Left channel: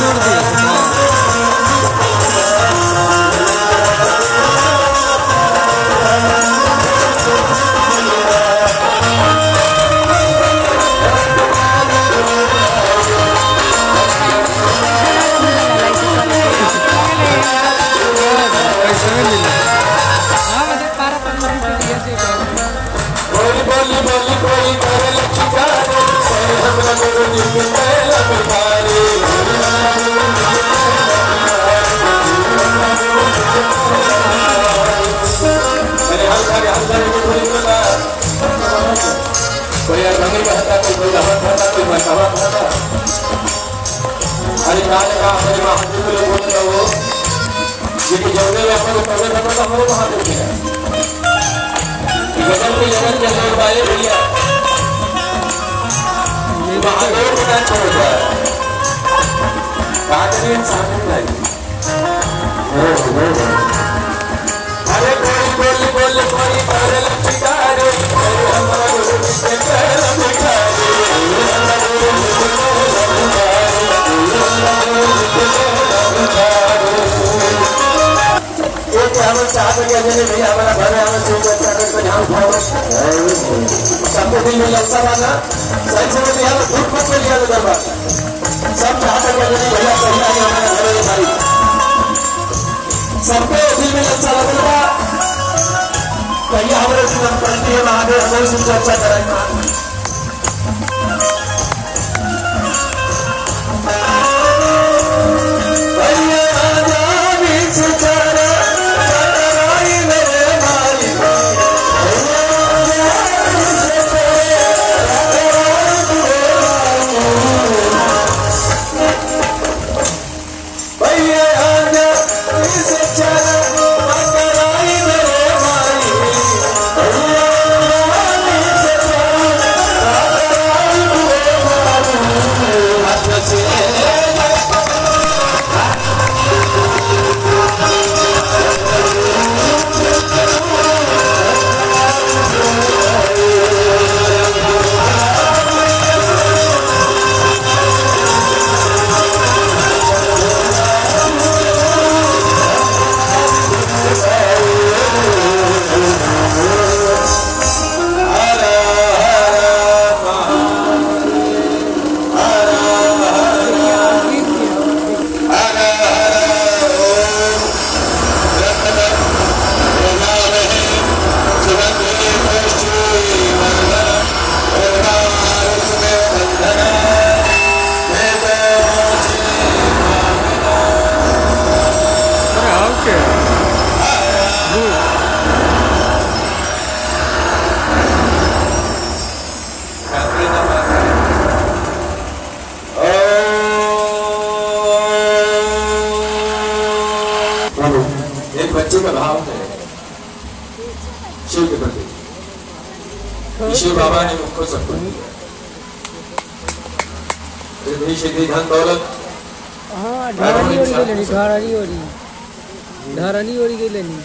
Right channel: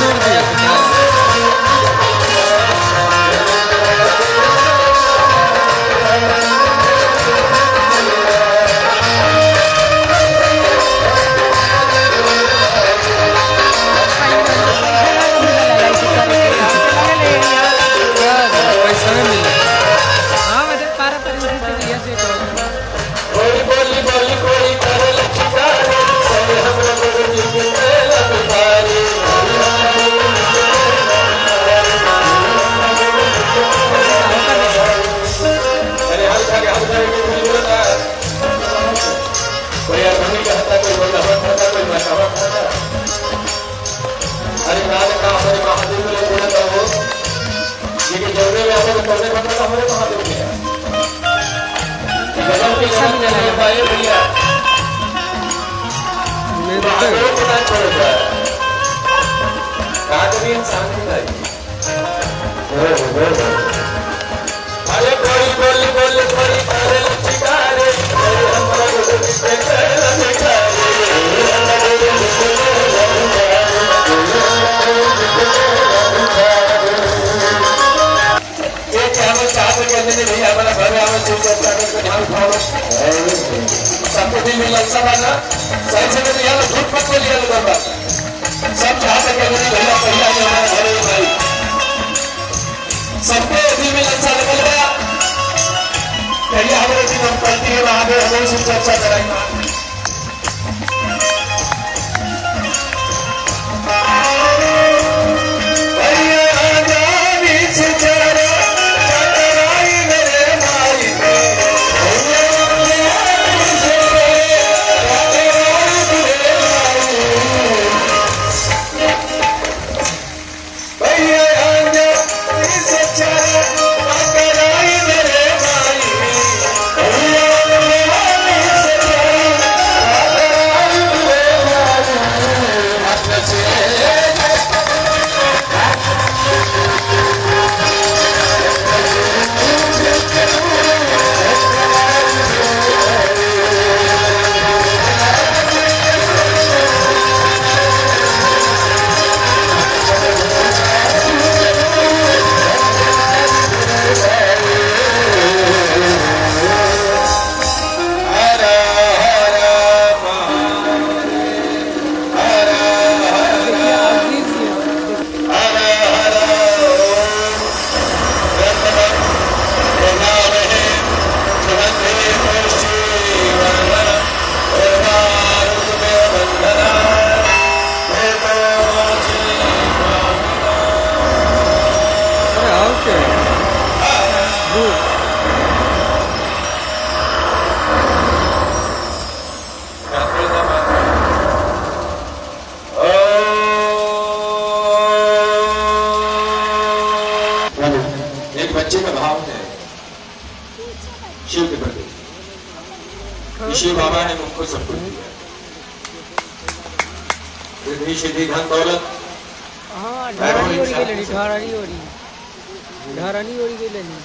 तोड़ दिया पैसा में मिला। संपत्ति में लोकसभा संसद में झूठ मत लिया सब भैया सही सबके अधीन में अच्छा लगेगा। पहले हमारे संपत्ति है वहां पर हमें चर्चा कराएंगे। एक बच्चे का भाव है शिव के प्रति, शिव बाबा ने उनको सब कुछ दिया, सिद्धि धन दौलत। हाँ ढारली ओढ़ी गई लेनी, ढारली ओढ़ी गई लेनी।